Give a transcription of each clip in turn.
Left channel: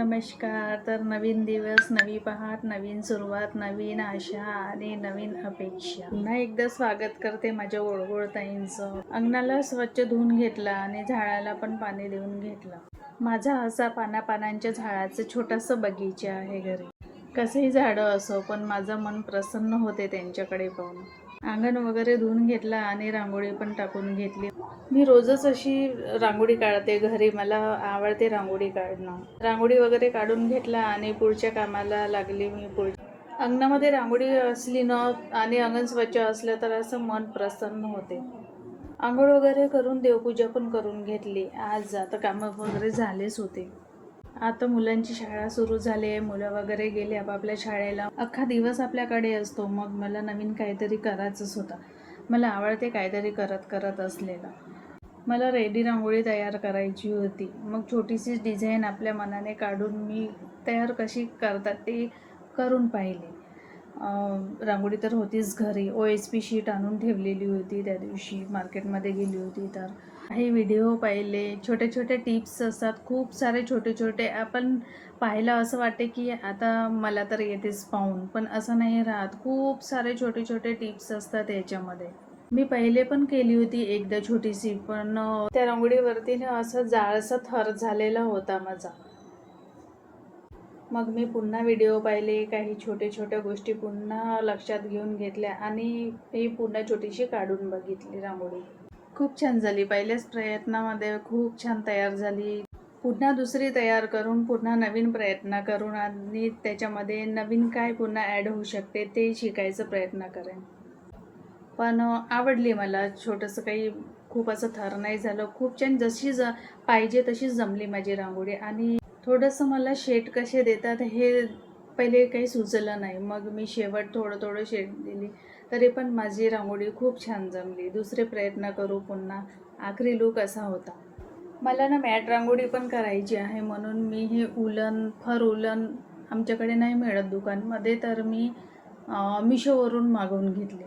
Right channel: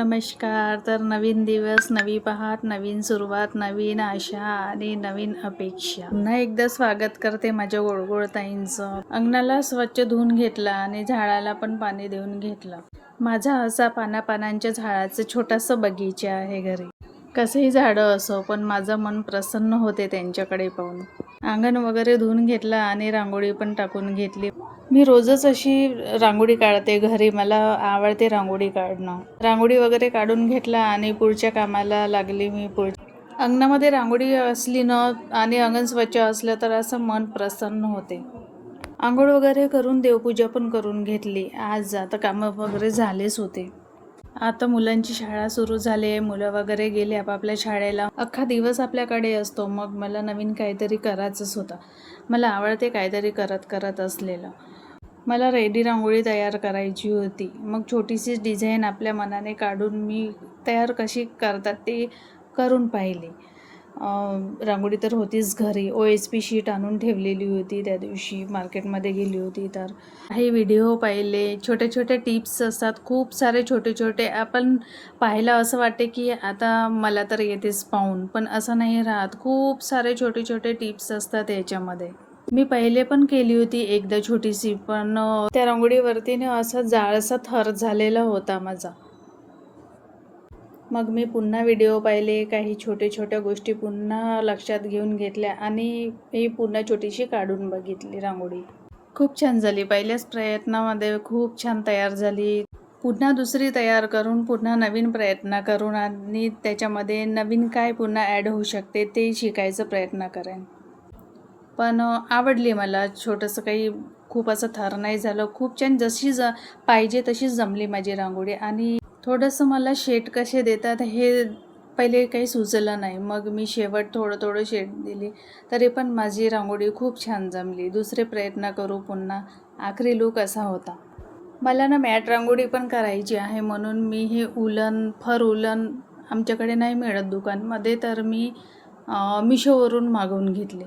नमस्कार. तर नवीन दिवस, नवी पहाट, नवीन सुरुवात, नवीन आशा आणि नवीन अपेक्षा. पुन्हा एकदा स्वागत करते माझ्या गोडगोड ताईंचं. अंगणाला स्वच्छ धुवून घेतला आणि झाडाला पण पाणी देऊन घेतलं. माझा असा पानापानांच्या झाडाचं छोटासा बगीचा आहे घरी. कसंही झाडं असो, पण माझं मन प्रसन्न होते त्यांच्याकडे पाहून. अंगण वगैरे धुवून घेतला आणि रांगोळी पण टाकून घेतली. मी रोजच अशी रांगोळी काढते घरी. मला आवडते रांगोळी काढणं. रांगोळी वगैरे काढून घेतला आणि पुढच्या कामाला लागली मी. अंगणामध्ये रांगोळी असली ना आणि अंगण स्वच्छ असलं तर असं मन प्रसन्न होते. आंघोळ वगैरे करून देवपूजा पण करून घेतली. आज आता कामं वगैरे झालेच होते. आता मुलांची शाळा सुरू झाली. मुलं वगैरे गेले आपापल्या शाळेला. अख्खा दिवस आपल्याकडे असतो. मग मला नवीन काहीतरी करायचंच होतं. मला आवडते काहीतरी करत असलेलं. मला रेडी रांगोळी तयार करायची होती. मग छोटीशी डिझाईन आपल्या मनाने काढून मी तयार कशी करतात ते करून पाहिली. रांगोळी तर होतीच घरी. OSP शीट आणून ठेवलेली होती. त्या दिवशी मार्केटमध्ये गेली होती तर हे व्हिडिओ पाहिले. छोटे छोटे टिप्स असतात. खूप सारे छोटे छोटे आपण पाहायला असं वाटते की आता मला तर येतेच पाहून, पण असं नाही राहत. खूप सारे छोटे छोटे टिप्स असतात याच्यामध्ये. मी पहिले पण केली होती एकदा छोटीशी, पण त्या रांगोळीवरती असा जाळसा थर झालेला होता माझा. मग मी पुन्हा व्हिडिओ पाहिले. काही छोट्या गोष्टी पुन्हा लक्षात घेऊन घेतल्या आणि ही पुन्हा छोटीशी काढून बघितली रांगोळी. खूप छान झाली. पहिल्याच प्रयत्नामध्ये खूप छान तयार झाली. पुन्हा दुसरी तयार करून पुन्हा नवीन प्रयत्न करून आणि त्याच्यामध्ये नवीन काय पुन्हा ॲड होऊ शकते ते शिकायचा प्रयत्न करेन. पण आवडली मला. छोटंसं काही खूप असं थर नाही झालं. खूप छान जशी पाहिजे तशीच जमली माझी रांगोळी. आणि थोडंसं मला शेड कसे देतात हे पहिले काही सुचलं नाही. मग मी शेवट थोडं शेड दिली तरी पण माझी रांगोळी खूप छान जमली. दुसरे प्रयत्न करू पुन्हा. आखरी लूक असा होता. मला मॅट रांगोळी पण करायची आहे, म्हणून मी हे फर उलन आमच्याकडे नाही मिळत दुकानमध्ये, तर मी मिशोवरून मागवून घेतले.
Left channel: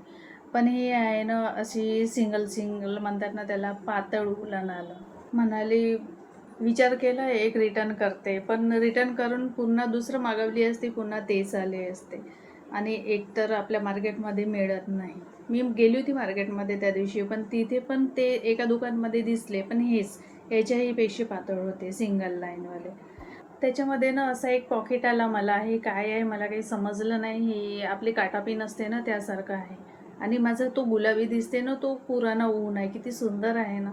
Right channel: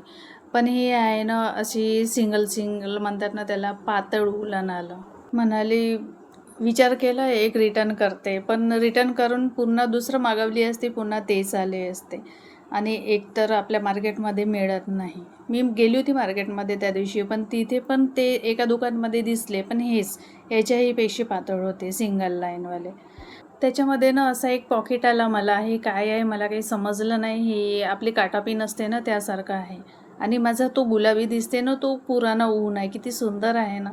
पण हे आहे अशी सिंगल म्हणतात ना त्याला, पातळ उलन आलं. म्हणाली विचार केला एक रिटर्न करते, पण रिटर्न करून पुन्हा दुसरं मागवली असती, पुन्हा तेच आले असते. आणि एक तर आपल्या मार्केटमध्ये मिळत नाही. मी गेली होती मार्केटमध्ये त्या दिवशी, पण तिथे पण ते एका दुकानमध्ये दिसले, पण हेच याच्याही पेक्षा पातळ होते सिंगल लाईनवाले. त्याच्यामध्ये असा एक पॉकेट आला मला. हे काय आहे मला काही समजलं नाही. हे आपली काटापिन असते ना त्यासारखं आहे. आणि माझा तो गुलाबी दिसते ना तो पुराणा ऊन आहे. किती सुंदर आहे ना.